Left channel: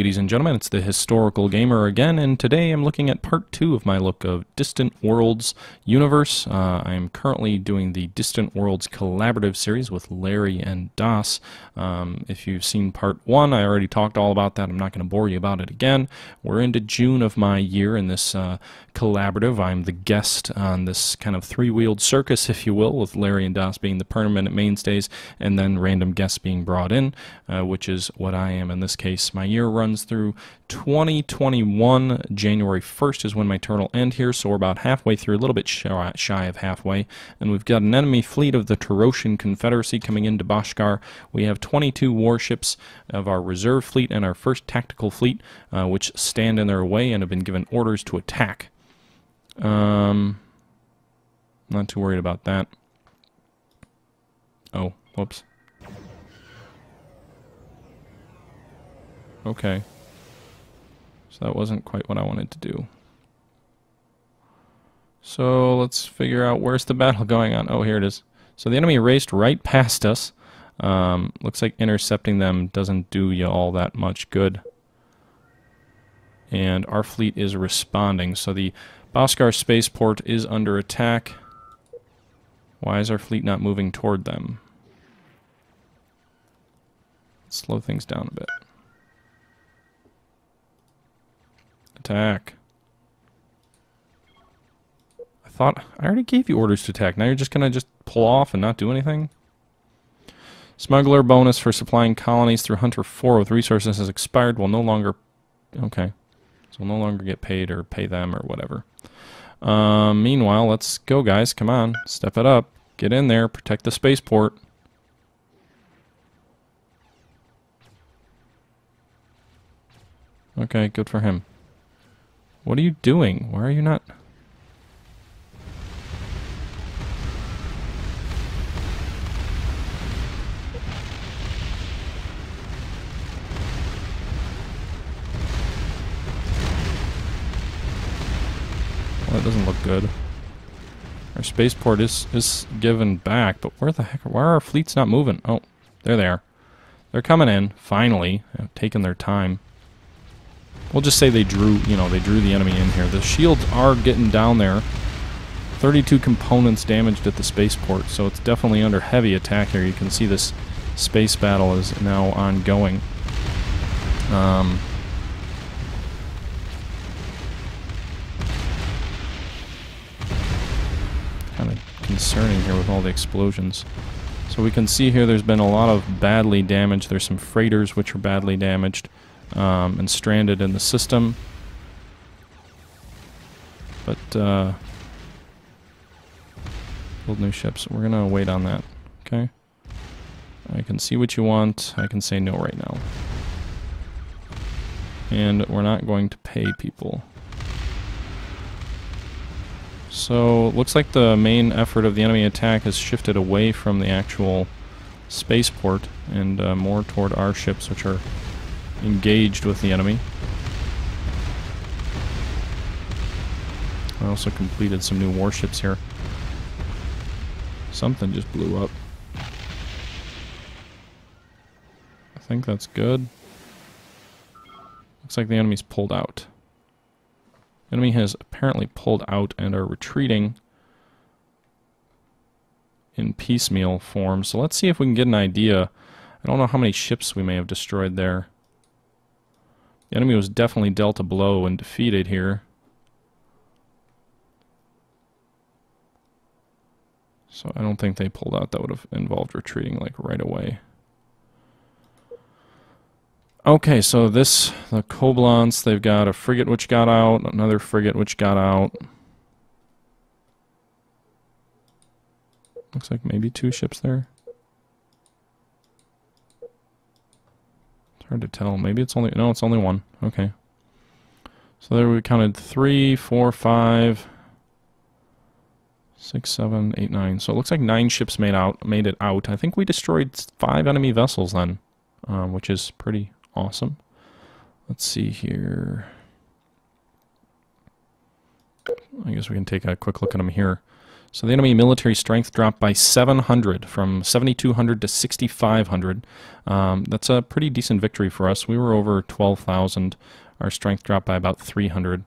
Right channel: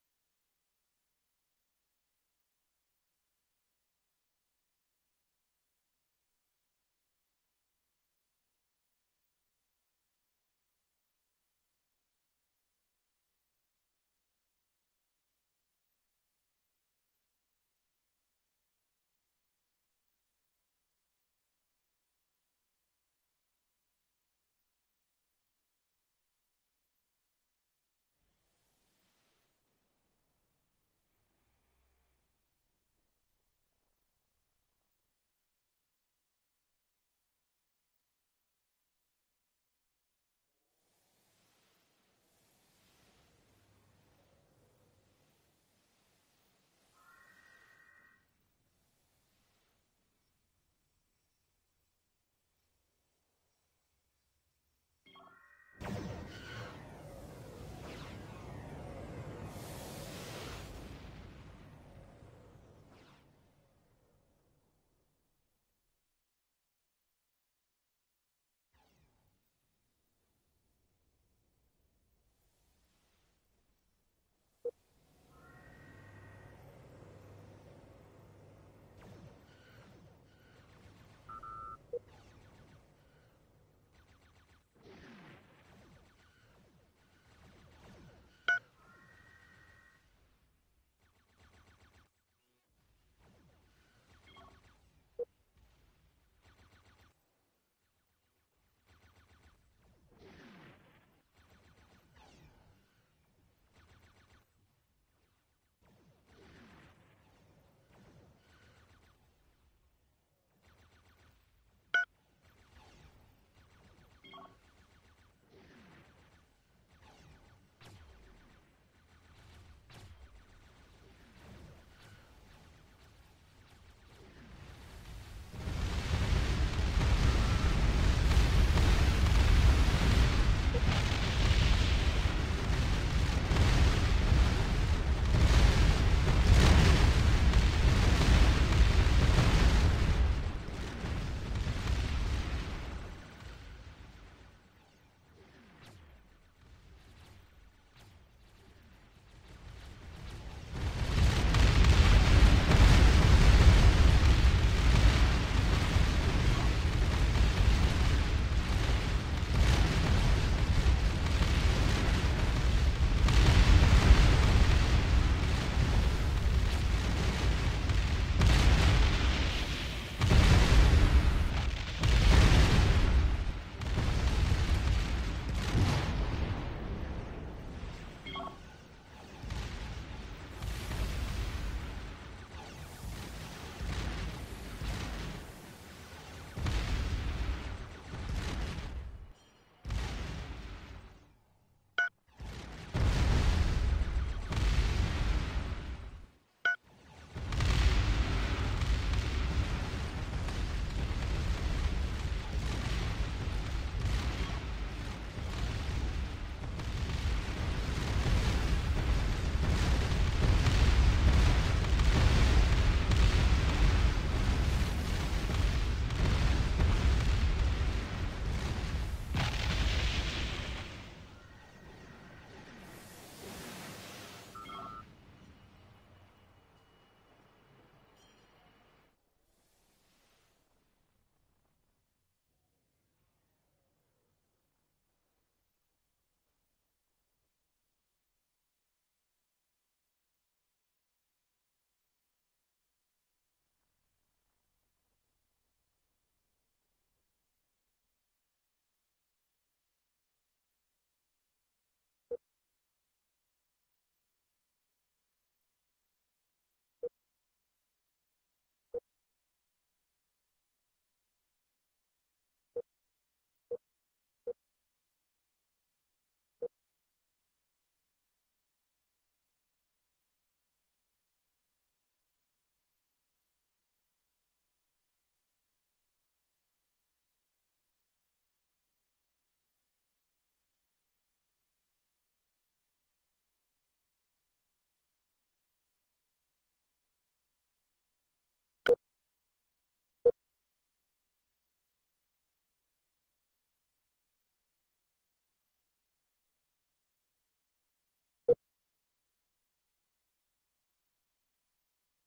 Ladies and gentlemen, it's the Historical Gamer again, and today I'm looking at part 2 of my look of Distant Worlds universe. I am currently doing the Distant Worlds collaborative series with Larry and Das. If you've seen part 1, I already talked all about that. I'm not going to bore you about it again. We're into June of my year in this collaborative. I'm the guest on this kind of three-wheeled circus, if you will, with Larry and Das being the permanent mainstays, and then random guests being brought in, which is what I am in this case. My year runs through 2021. January 1st is when my turn will end here, so we're about halfway through, a little bit shy of halfway, and we've got an enemy fleet of the Terosian Confederacy coming into Boskar. We have 22 warships of our reserve fleet and our first tactical fleet, which stand in their way and have been given orders to attack. Not too worried about that. Oh, whoops. Okay. So that wasn't quite what I wanted to do. So let's figure out where's the battle going on. Oh, here it is. So the enemy raced right past us. Looks like intercepting them doesn't do you all that much good. And our fleet is responding. So the Boskar spaceport is under attack. Why is our fleet not moving toward them? Slow things down a bit. Attack. I thought I already gave you orders to attack. Now you're just gonna pull off and not do anything? Smuggler bonus for supplying colonies through Hunter 4 with resources has expired. Will no longer... Okay. So we'll no longer get paid or pay them or whatever. Meanwhile, let's go, guys. Come on. Step it up. Get in there. Protect the spaceport. Okay, good for him. What are you doing? Why are you not... That doesn't look good. Our spaceport is given back, but where the heck... Why are our fleets not moving? Oh, there they are. They're coming in, finally. They've taken their time. We'll just say they drew the enemy in here. The shields are getting down there. 32 components damaged at the spaceport, so it's definitely under heavy attack here. You can see this space battle is now ongoing. Kind of concerning here with all the explosions. So we can see here there's been a lot of badly damaged. There's some freighters which are badly damaged. And stranded in the system. But, build new ships. We're gonna wait on that, okay? I can see what you want. I can say no right now. And we're not going to pay people. So, looks like the main effort of the enemy attack has shifted away from the actual spaceport and more toward our ships, which are engaged with the enemy. I also completed some new warships here. Something just blew up. I think that's good. Looks like the enemy's pulled out. The enemy has apparently pulled out and are retreating in piecemeal form. So let's see if we can get an idea. I don't know how many ships we may have destroyed there. The enemy was definitely dealt a blow and defeated here. So I don't think they pulled out. That would have involved retreating like right away. Okay, so the Koblance, they've got a frigate which got out, another frigate which got out. Looks like maybe 2 ships there. Hard to tell. Maybe it's only... No, it's only 1. Okay. So there we counted 3, 4, 5, 6, 7, 8, 9. So it looks like 9 ships made it out. I think we destroyed 5 enemy vessels then, which is pretty awesome. Let's see here. I guess we can take a quick look at them here. So the enemy military strength dropped by 700, from 7,200 to 6,500. That's a pretty decent victory for us. We were over 12,000. Our strength dropped by about 300.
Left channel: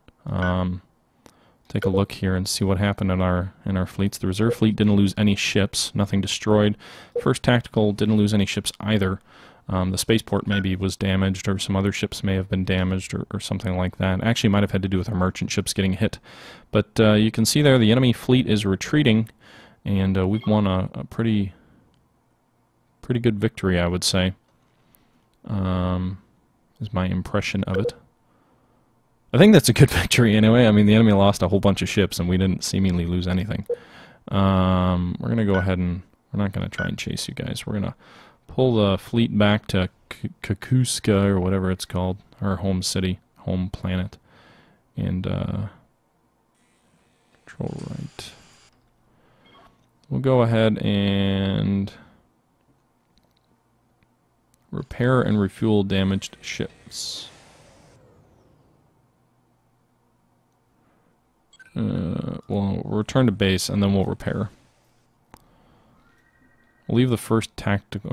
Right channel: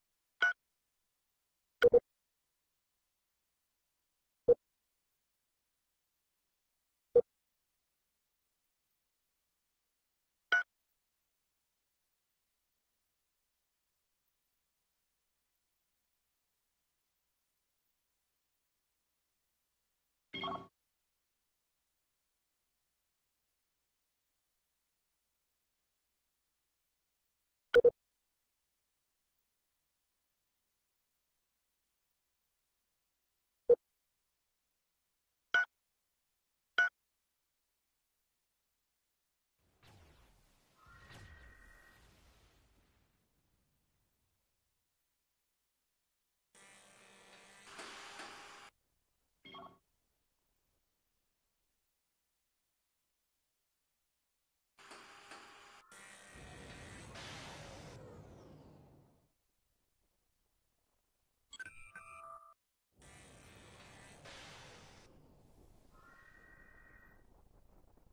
Take a look here and see what happened in our fleets. The reserve fleet didn't lose any ships, nothing destroyed. First tactical didn't lose any ships either. The spaceport maybe was damaged, or some other ships may have been damaged, or something like that. Actually, might have had to do with our merchant ships getting hit. But you can see there the enemy fleet is retreating, and we've won a pretty good victory, I would say. Is my impression of it. I think that's a good victory anyway. I mean, the enemy lost a whole bunch of ships, and we didn't seemingly lose anything. We're going to go ahead and... We're not going to try and chase you guys. We're going to pull the fleet back to Kakuska, or whatever it's called. Our home city, home planet. And, control right. We'll go ahead and... repair and refuel damaged ships. We'll return to base, and then we'll repair. We'll leave the first tactical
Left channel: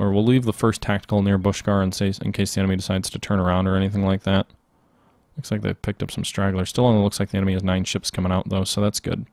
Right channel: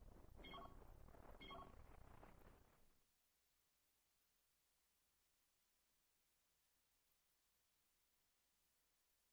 near Boskar in case the enemy decides to turn around or anything like that. Looks like they've picked up some stragglers. Still only looks like the enemy has 9 ships coming out though, so that's good.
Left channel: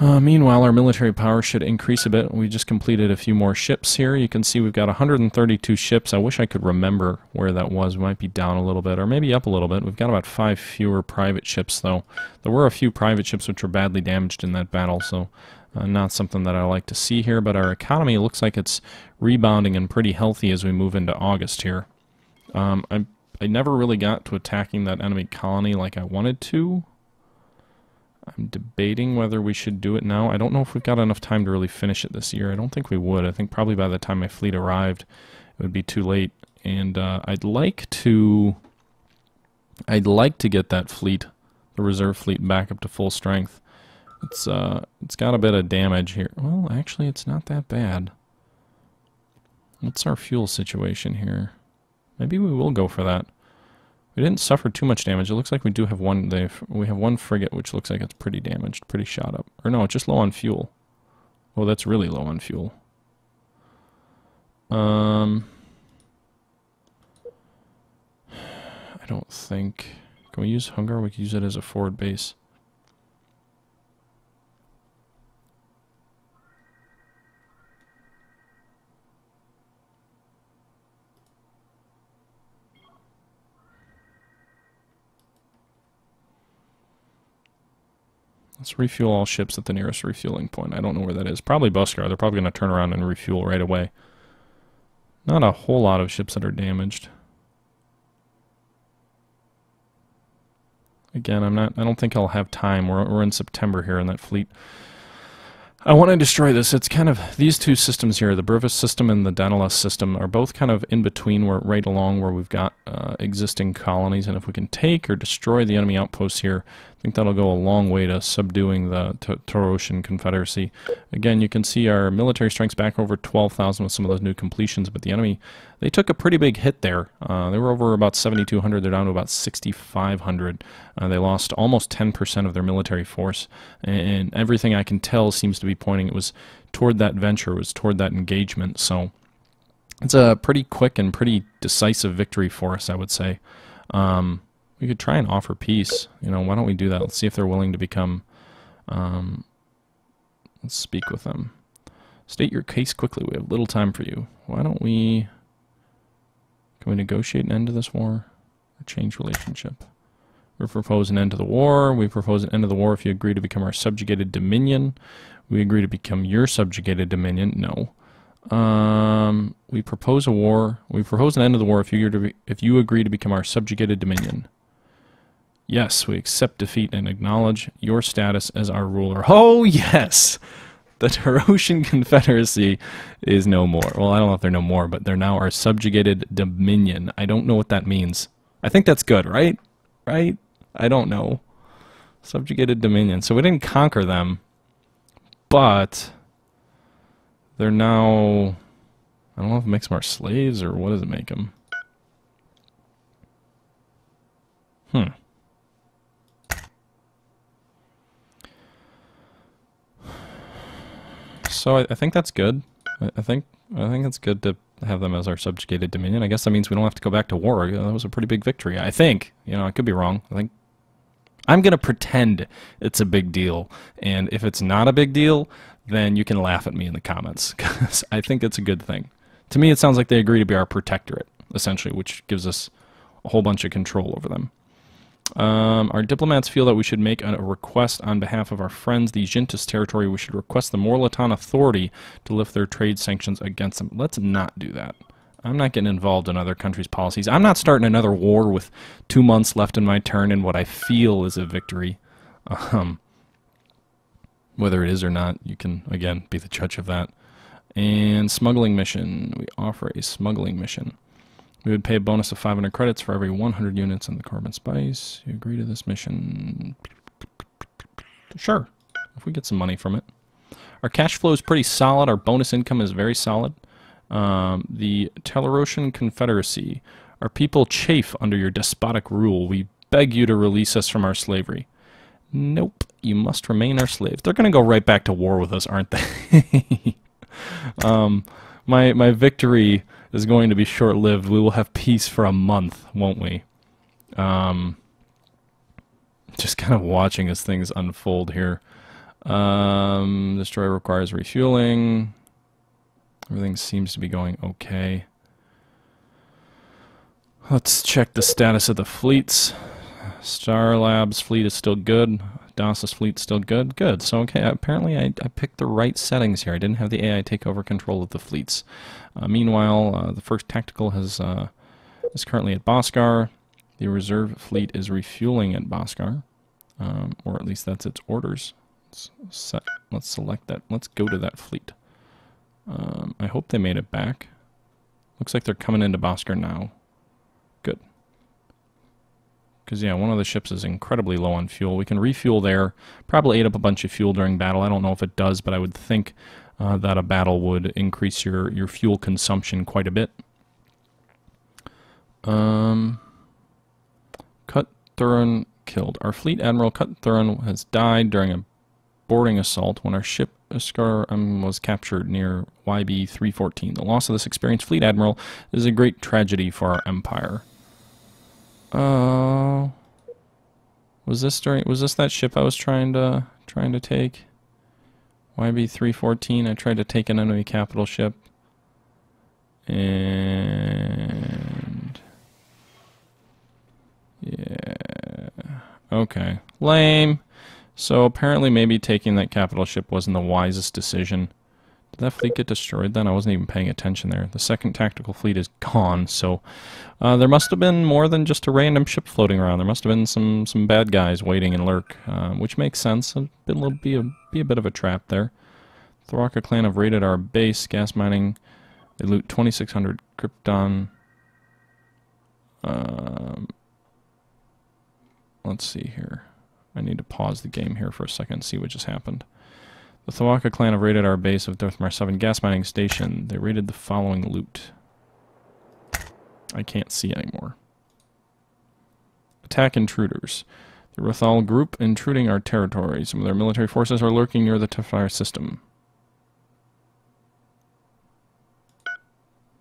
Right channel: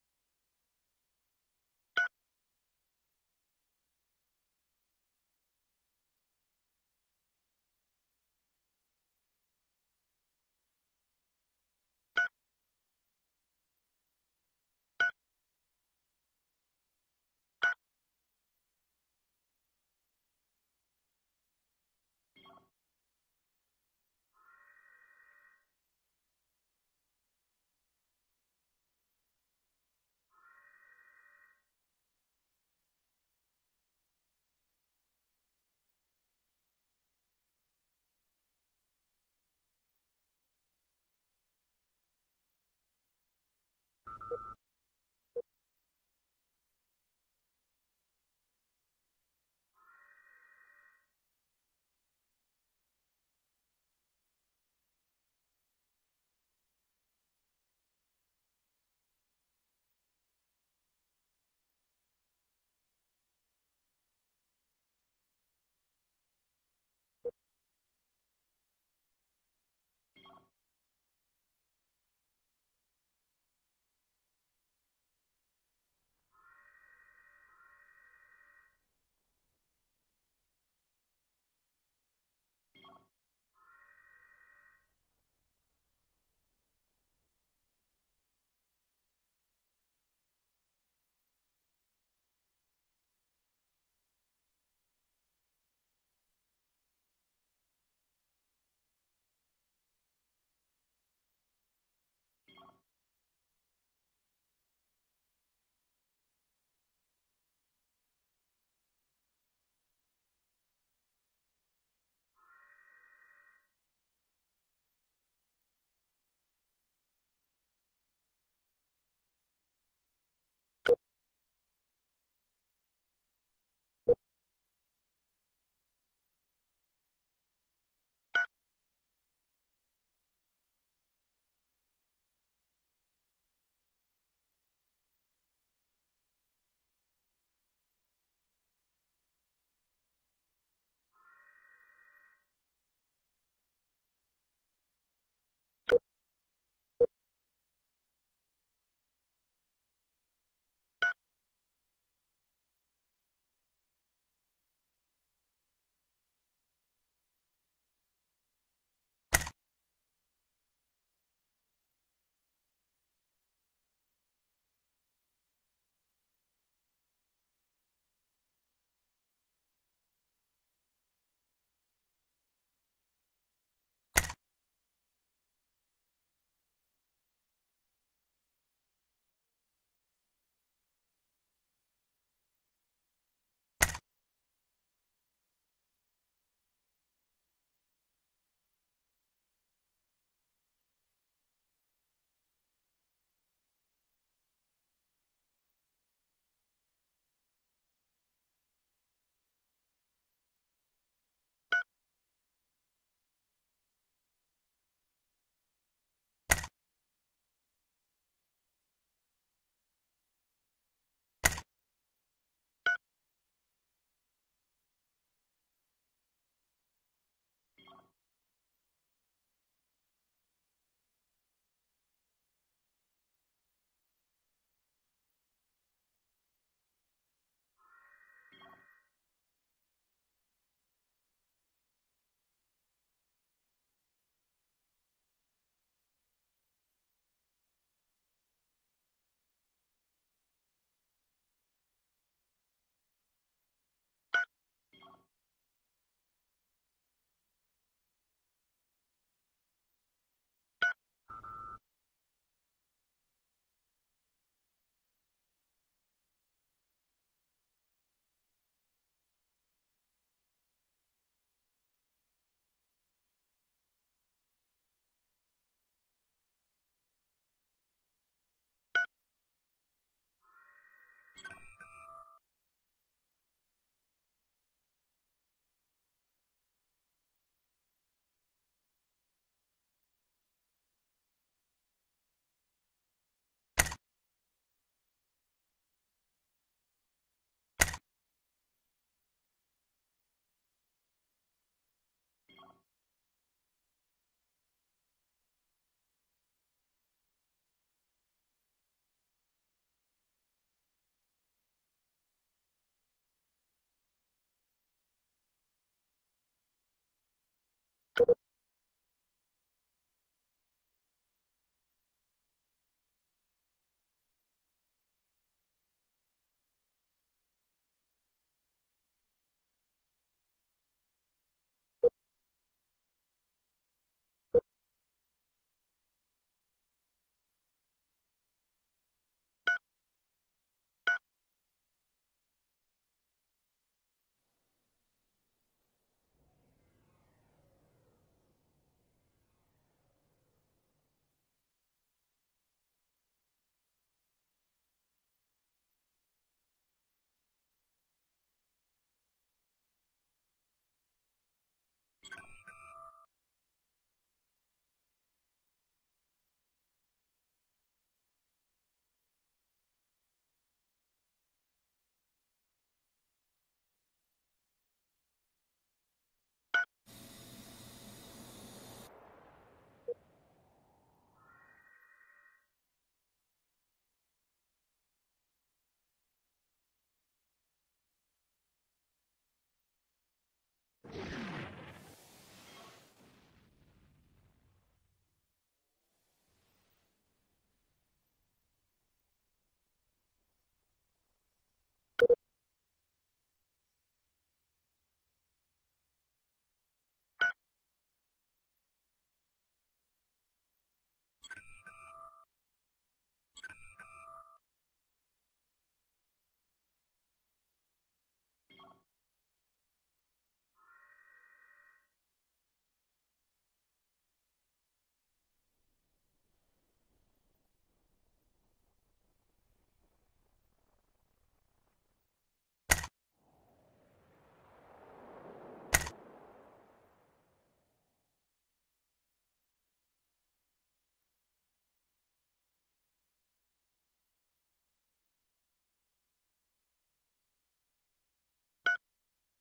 Meanwhile, our military power should increase a bit. We just completed a few more ships here. You can see we've got 132 ships. I wish I could remember where that was. We might be down a little bit, or maybe up a little bit. We've got about 5 fewer private ships, though. There were a few private ships which were badly damaged in that battle, so not something that I like to see here. But our economy looks like it's rebounding and pretty healthy as we move into August here. I never really got to attacking that enemy colony like I wanted to. I'm debating whether we should do it now. I don't know if we've got enough time to really finish it this year. I don't think we would. I think probably by the time my fleet arrived, it would be too late. And I'd like to get that fleet, the reserve fleet, back up to full strength. It's got a bit of damage here. Well, actually, it's not that bad. What's our fuel situation here? Maybe we will go for that. We didn't suffer too much damage. It looks like we do have one. We have one frigate, which looks like it's pretty damaged, pretty shot up. Or no, it's just low on fuel. Oh, that's really low on fuel. I don't think. Can we use Hungar? We could use it as a forward base. Let's refuel all ships at the nearest refueling point. I don't know where that is. Probably Boskar. They're probably going to turn around and refuel right away. Not a whole lot of ships that are damaged. Again, I don't think I'll have time. We're in September here, and that fleet... I want to destroy this. It's kind of... These two systems here, the Brevis system and the Daedalus system, are both kind of in between. We're right along where we've got existing colonies, and if we can take or destroy the enemy outposts here, I think that'll go a long way to subduing the Taurosian Confederacy. Again, you can see our military strength's back over 12,000 with some of those new completions, but the enemy, they took a pretty big hit there. They were over about 7,200. They're down to about 6,500. They lost almost 10% of their military force, and everything I can tell seems to be pointing it was toward that venture, it was toward that engagement. So it's a pretty quick and pretty decisive victory for us, I would say. We could try and offer peace. You know, why don't we do that? Let's see if they're willing to become... let's speak with them. State your case quickly. We have little time for you. Why don't we... Can we negotiate an end to this war? Or change relationship? We propose an end to the war. We propose an end to the war if you agree to become our subjugated dominion. We agree to become your subjugated dominion. No. We propose a war. We propose an end to the war if you agree to become our subjugated dominion. Yes, we accept defeat and acknowledge your status as our ruler. Oh, yes! The Taurosian Confederacy is no more. Well, I don't know if they're no more, but they're now our subjugated dominion. I don't know what that means. I think that's good, right? Right? I don't know. Subjugated dominion. So we didn't conquer them, but they're now... I don't know if it makes them our slaves, or what does it make them? so I think that's good. I think it's good to have them as our subjugated dominion. I guess that means we don't have to go back to war. That was a pretty big victory. I think. You know, I could be wrong. I think I'm gonna pretend it's a big deal, and if it's not a big deal, then you can laugh at me in the comments, because I think it's a good thing. To me, it sounds like they agree to be our protectorate, essentially, which gives us a whole bunch of control over them. Our diplomats feel that we should make a request on behalf of our friends, the Jintis territory. We should request the Morlaton authority to lift their trade sanctions against them. Let's not do that. I'm not getting involved in other countries' policies. I'm not starting another war with 2 months left in my turn in what I feel is a victory. Whether it is or not, you can, again, be the judge of that. And smuggling mission. We offer a smuggling mission. We would pay a bonus of 500 credits for every 100 units in the carbon spice. You agree to this mission? Sure, if we get some money from it. Our cash flow is pretty solid. Our bonus income is very solid. The Telerosian Confederacy. Our people chafe under your despotic rule. We beg you to release us from our slavery. Nope, you must remain our slaves. They're going to go right back to war with us, aren't they? My victory is going to be short-lived. We will have peace for a month, won't we? Just kind of watching as things unfold here. Destroyer requires refueling. Everything seems to be going okay. Let's check the status of the fleets. Star Labs fleet is still good. DAS's fleet still good. Good. So okay, apparently I picked the right settings here. I didn't have the AI take over control of the fleets. Meanwhile, the first tactical is currently at Boskar. The reserve fleet is refueling at Boskar, or at least that's its orders. Let's select that. Let's go to that fleet. I hope they made it back. Looks like they're coming into Boskar now. Good. Because, yeah, one of the ships is incredibly low on fuel. We can refuel there. Probably ate up a bunch of fuel during battle. I don't know if it does, but I would think that a battle would increase your fuel consumption quite a bit. Cut Thurin killed. Our fleet admiral Cut Thurin has died during a boarding assault when our ship Boskar was captured near YB 314. The loss of this experienced fleet admiral is a great tragedy for our empire. Was this that ship I was trying to take? YB 314. I tried to take an enemy capital ship. And yeah. Okay. Lame. So apparently maybe taking that capital ship wasn't the wisest decision. Did that fleet get destroyed then? I wasn't even paying attention there. The second tactical fleet is gone, so there must have been more than just a random ship floating around. There must have been some bad guys waiting in lurk, which makes sense. It'll be a bit of a trap there. The Tharaka clan have raided our base, gas mining. They loot 2,600 Krypton. Let's see here. I need to pause the game here for a second and see what just happened. The Tharaka clan have raided our base of Dothmar 7 gas mining station. They raided the following loot. I can't see anymore. Attack intruders. The Rothal group intruding our territory. Some of their military forces are lurking near the Tefire system.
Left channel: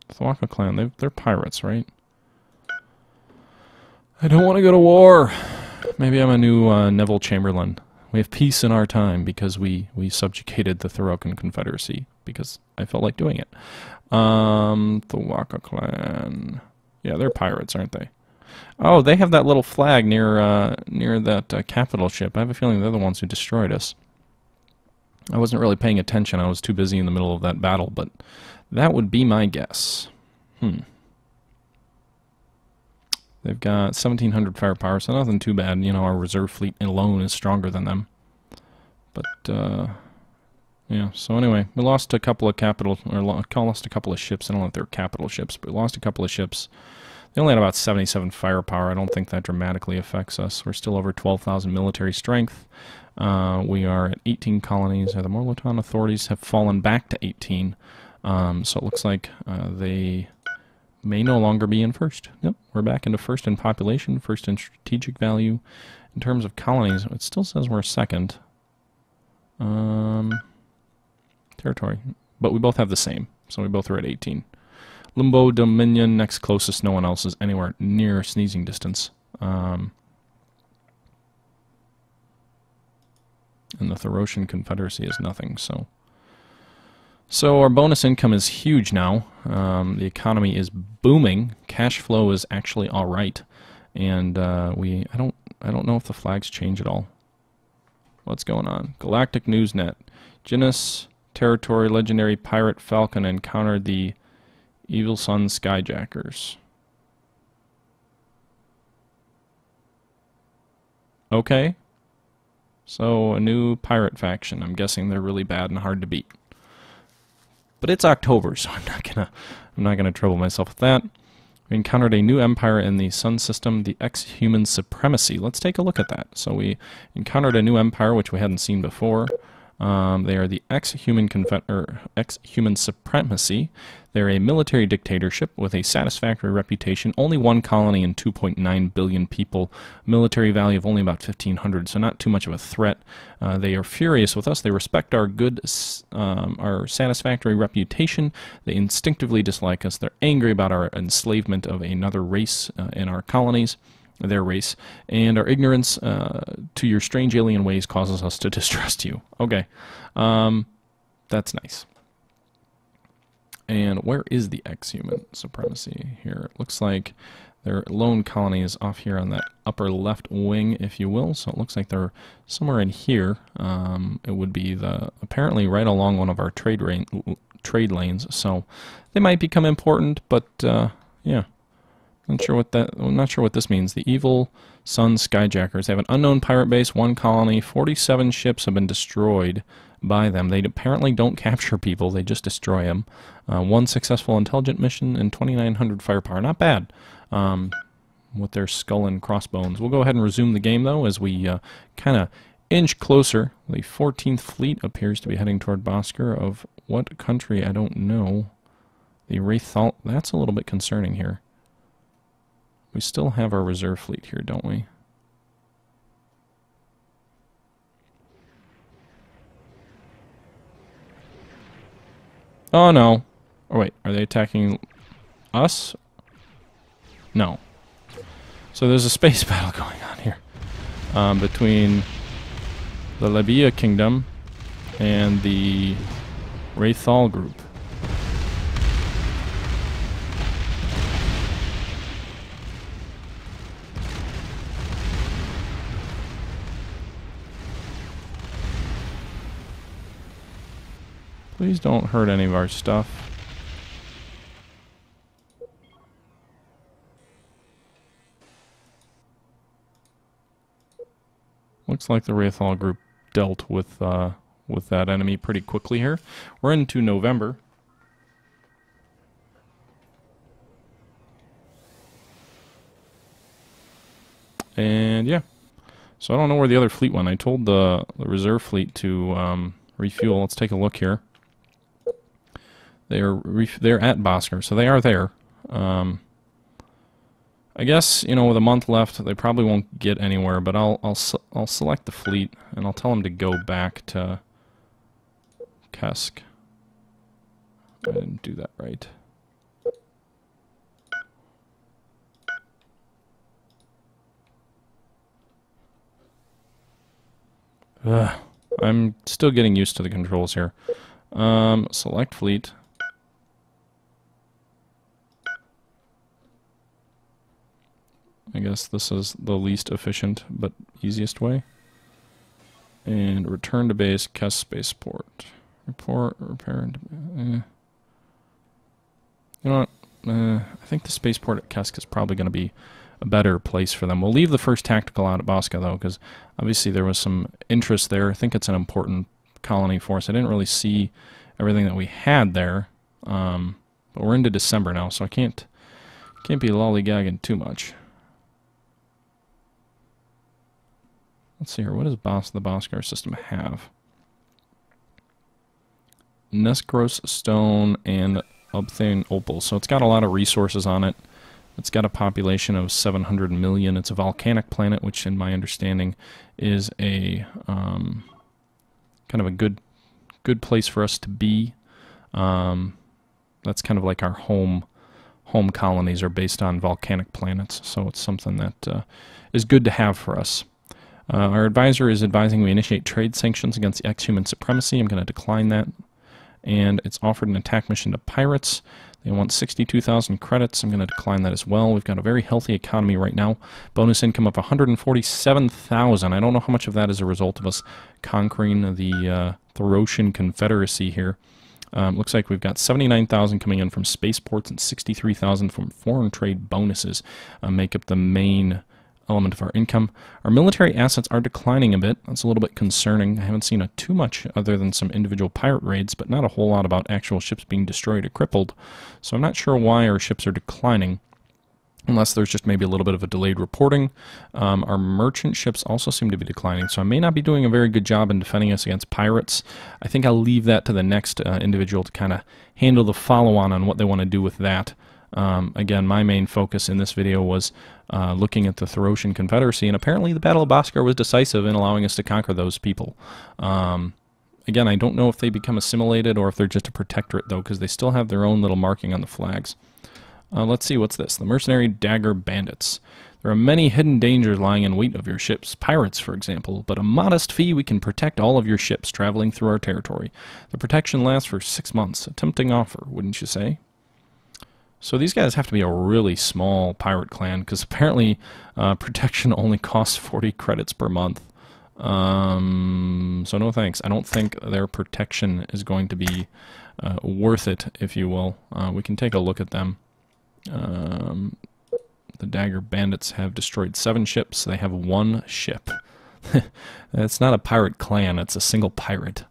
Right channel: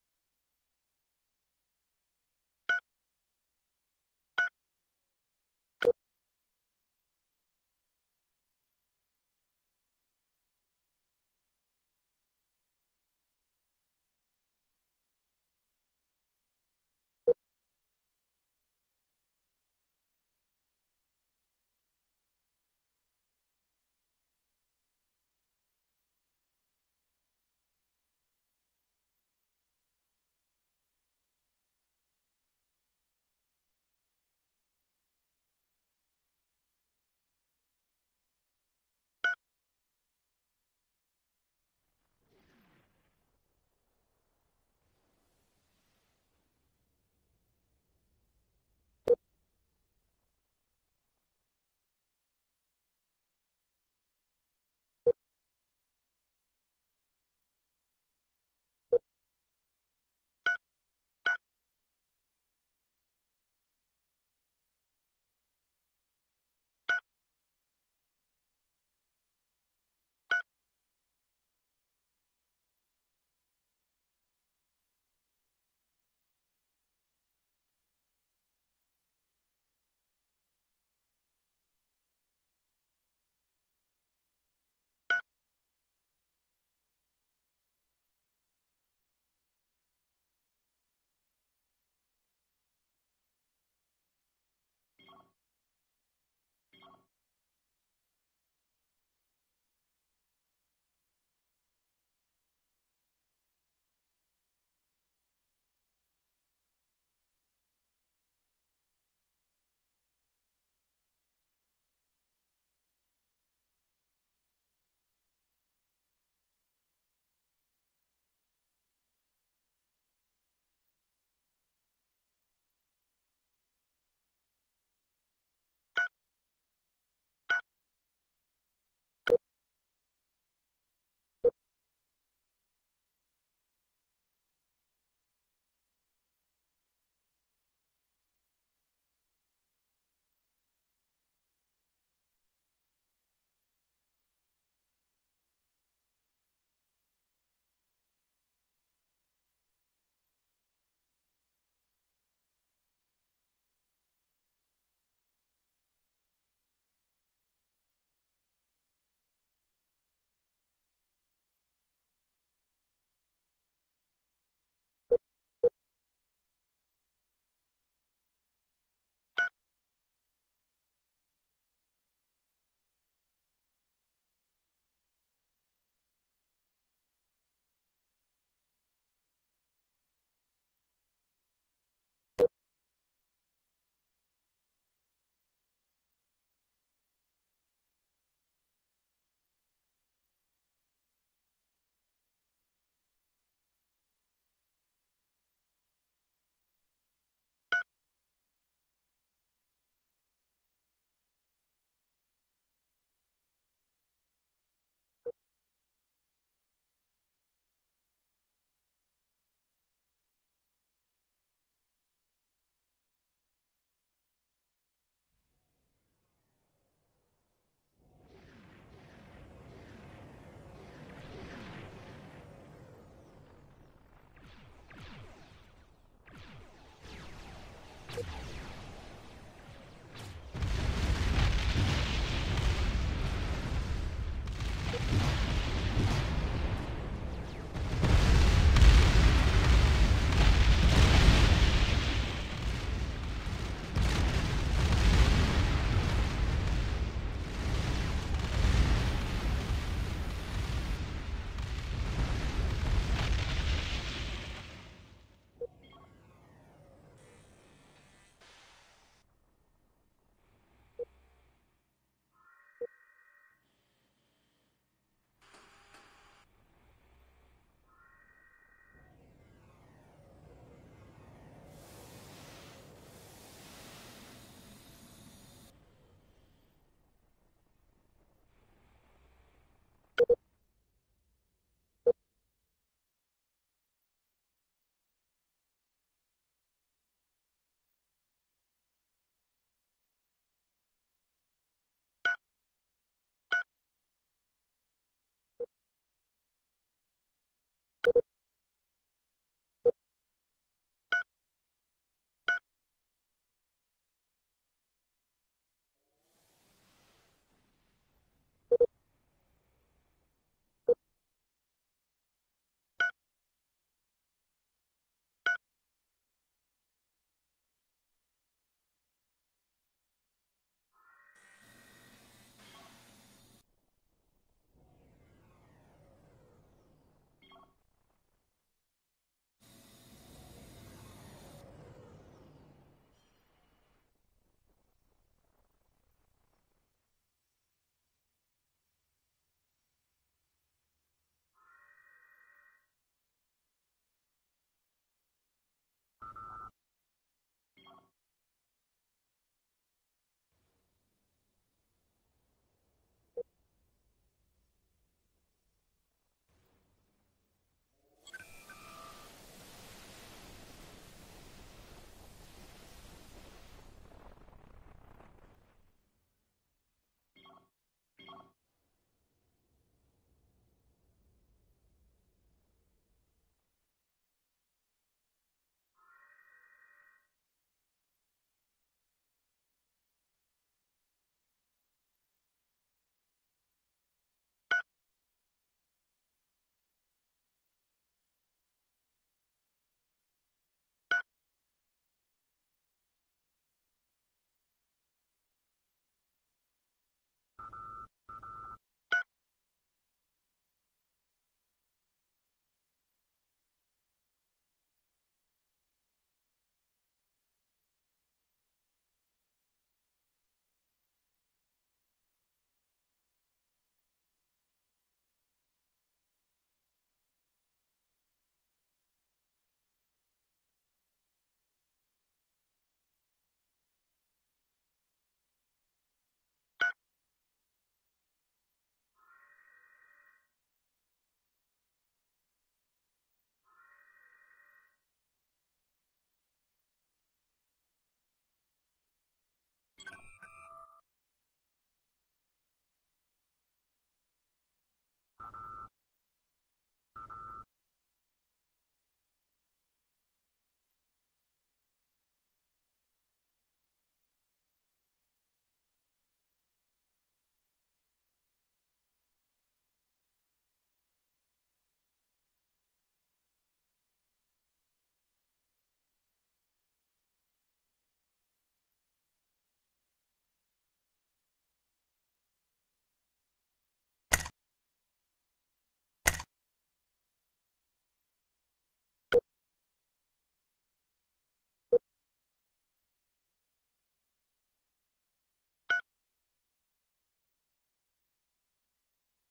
The Tharaka clan, they're pirates, right? I don't want to go to war. Maybe I'm a new Neville Chamberlain. We have peace in our time because we subjugated the Tharokan Confederacy because I felt like doing it. Tharaka clan. Yeah, they're pirates, aren't they? Oh, they have that little flag near that capital ship. I have a feeling they're the ones who destroyed us. I wasn't really paying attention. I was too busy in the middle of that battle, but that would be my guess. They've got 1,700 firepower, so nothing too bad. You know, our reserve fleet alone is stronger than them. But, yeah, so anyway, we lost a couple of lost a couple of ships. I don't know if they're capital ships, but we lost a couple of ships. They only had about 77 firepower. I don't think that dramatically affects us. We're still over 12,000 military strength. We are at 18 colonies. The Morlaton authorities have fallen back to 18. So it looks like they may no longer be in first. Yep, we're back into first in population, first in strategic value. In terms of colonies, it still says we're second. territory. But we both have the same, so we both are at 18. Limbo Dominion, next closest. No one else is anywhere near sneezing distance. And the Thorosian Confederacy is nothing, so... So our bonus income is huge now. The economy is booming. Cash flow is actually all right, and I don't know if the flags change at all. What's going on? Galactic Newsnet. Genus Territory Legendary Pirate Falcon encountered the Evil Sun Skyjackers. Okay. So a new pirate faction. I'm guessing they're really bad and hard to beat. But it's October, so I'm not gonna trouble myself with that. We encountered a new empire in the Sun system, the Ex-Human Supremacy. Let's take a look at that. So we encountered a new empire which we hadn't seen before. They are the Ex-Human Supremacy. They're a military dictatorship with a satisfactory reputation. Only one colony and 2.9 billion people. Military value of only about 1,500, so not too much of a threat. They are furious with us. They respect our our satisfactory reputation. They instinctively dislike us. They're angry about our enslavement of another race in our colonies, their race, and our ignorance to your strange alien ways causes us to distrust you. Okay, that's nice. And where is the Ex-Human Supremacy here? It looks like their lone colony is off here on that upper left wing, if you will. So it looks like they're somewhere in here. It would be apparently right along one of our trade lanes. So they might become important, but yeah, not sure what this means. The Evil Sun Skyjackers. They have an unknown pirate base, one colony, 47 ships have been destroyed by them. They apparently don't capture people, they just destroy them. One successful intelligent mission and 2,900 firepower. Not bad with their skull and crossbones. We'll go ahead and resume the game, though, as we kind of inch closer. The 14th Fleet appears to be heading toward Boskar. Of what country, I don't know. The Wraithal, that's a little bit concerning here. We still have our reserve fleet here, don't we? Oh, no. Oh, wait. Are they attacking us? No. So there's a space battle going on here between the Libya Kingdom and the Wraithal group. Please don't hurt any of our stuff. Looks like the Wraithal group dealt with that enemy pretty quickly here. We're into November. And yeah. So I don't know where the other fleet went. I told the reserve fleet to refuel. Let's take a look here. They're at Boskar, so they are there. I guess, you know, with a month left, they probably won't get anywhere. But I'll select the fleet and I'll tell them to go back to Kesk. I didn't do that right. I'm still getting used to the controls here. Select fleet. I guess this is the least efficient but easiest way. And return to base, Kesk spaceport. Report, repair. You know what? I think the spaceport at Kesk is probably going to be a better place for them. We'll leave the first tactical out at Boskar, though, because obviously there was some interest there. I think it's an important colony for us. I didn't really see everything that we had there, but we're into December now, so I can't be lollygagging too much. Let's see here. What does the Boskar system have? Neskros stone and Obthane opal. So it's got a lot of resources on it. It's got a population of 700 million. It's a volcanic planet, which in my understanding is a kind of a good good place for us to be. That's kind of like our home colonies are based on volcanic planets, so it's something that is good to have for us. Our advisor is advising we initiate trade sanctions against the ex-human supremacy. I'm going to decline that. And it's offered an attack mission to pirates. They want 62,000 credits. I'm going to decline that as well. We've got a very healthy economy right now. Bonus income of 147,000. I don't know how much of that is a result of us conquering the Thracian Confederacy here. Looks like we've got 79,000 coming in from spaceports and 63,000 from foreign trade bonuses make up the main element of our income. Our military assets are declining a bit. That's a little bit concerning. I haven't seen too much other than some individual pirate raids, but not a whole lot about actual ships being destroyed or crippled. So I'm not sure why our ships are declining, unless there's just maybe a little bit of a delayed reporting. Our merchant ships also seem to be declining, so I may not be doing a very good job in defending us against pirates. I think I'll leave that to the next individual to kind of handle the follow-on on what they want to do with that. Again, my main focus in this video was looking at the Thracian Confederacy, and apparently the Battle of Boskar was decisive in allowing us to conquer those people. Again, I don't know if they become assimilated or if they're just a protectorate, though, because they still have their own little marking on the flags. Let's see, what's this? The Mercenary Dagger Bandits. There are many hidden dangers lying in wait of your ships, pirates, for example, but a modest fee we can protect all of your ships traveling through our territory. The protection lasts for 6 months. A tempting offer, wouldn't you say? So these guys have to be a really small pirate clan, because apparently protection only costs 40 credits per month. So no thanks. I don't think their protection is going to be worth it, if you will. We can take a look at them. The Dagger Bandits have destroyed 7 ships. They have 1 ship. It's not a pirate clan, it's a single pirate.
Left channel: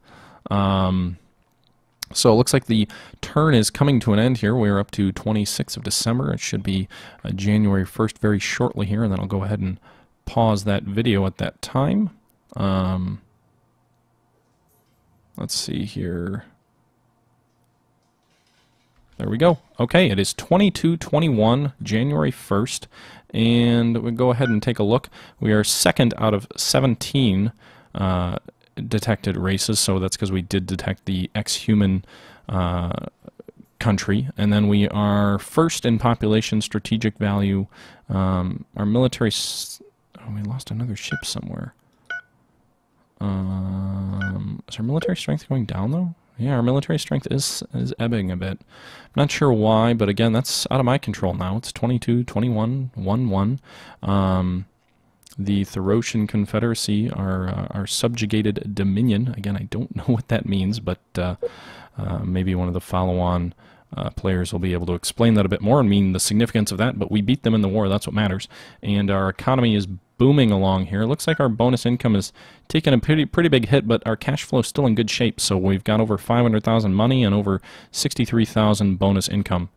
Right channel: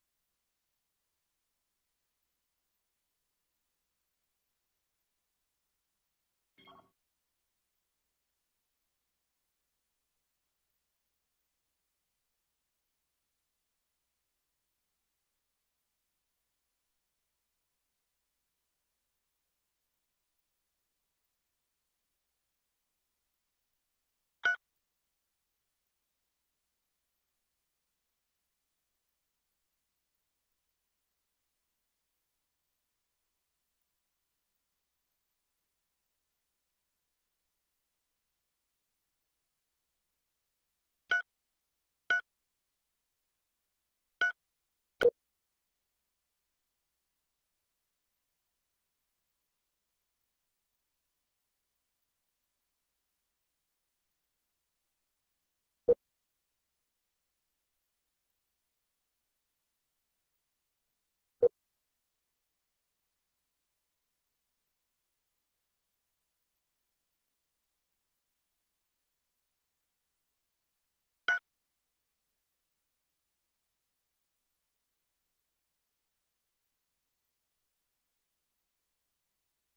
So it looks like the turn is coming to an end here. We're up to 26th of December. It should be January 1st very shortly here, and then I'll go ahead and pause that video at that time. Let's see here. There we go. Okay, it is 22/21, January 1st, and we'll go ahead and take a look. We are second out of 17 detected races, so that's because we did detect the ex-human country, and then we are first in population, strategic value. Our military... Oh, we lost another ship somewhere. Is our military strength going down, though? Yeah, our military strength is ebbing a bit. I'm not sure why, but again, that's out of my control now. It's 22/21, 1-1. The Thracian Confederacy, our subjugated dominion. Again, I don't know what that means, but maybe one of the follow-on players will be able to explain that a bit more and mean the significance of that. But we beat them in the war, that's what matters. And our economy is booming along here. It looks like our bonus income is taking a pretty big hit, but our cash flow is still in good shape. So we've got over 500,000 money and over 63,000 bonus income.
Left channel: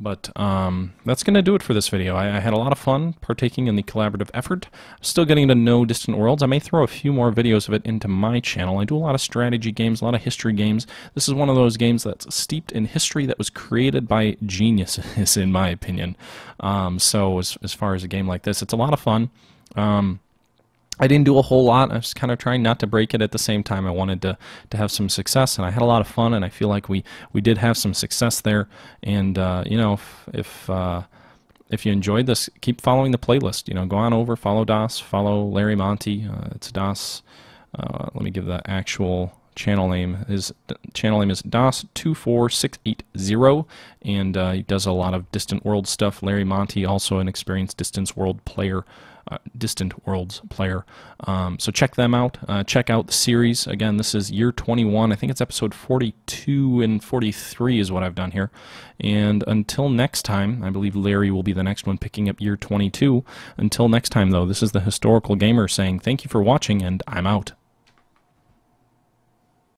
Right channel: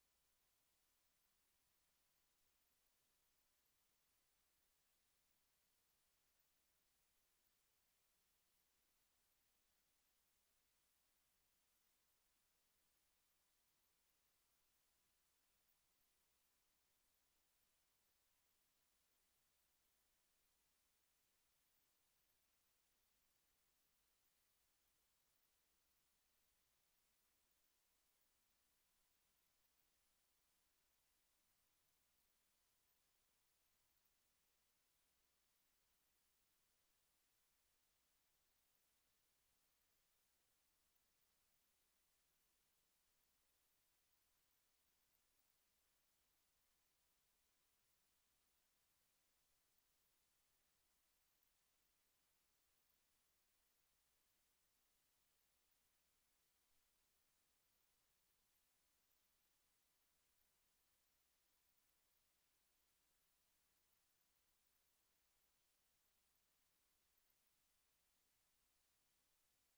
But that's going to do it for this video. I had a lot of fun partaking in the collaborative effort. Still getting to know Distant Worlds. I may throw a few more videos of it into my channel. I do a lot of strategy games, a lot of history games. This is one of those games that's steeped in history that was created by geniuses, in my opinion. So as far as a game like this, it's a lot of fun. I didn't do a whole lot. I was kind of trying not to break it at the same time. I wanted to have some success, and I had a lot of fun, and I feel like we did have some success there. And you know, if you enjoyed this, keep following the playlist. You know, go on over, follow Das, follow Larry Monte. It's Das. Let me give the actual channel name. His channel name is Das24680, and he does a lot of Distant World stuff. Larry Monte, also an experienced Distant Worlds player. So check them out. Check out the series. Again, this is year 21. I think it's episode 42 and 43 is what I've done here. And until next time, I believe Larry will be the next one picking up year 22. Until next time, though, this is the Historical Gamer saying thank you for watching, and I'm out.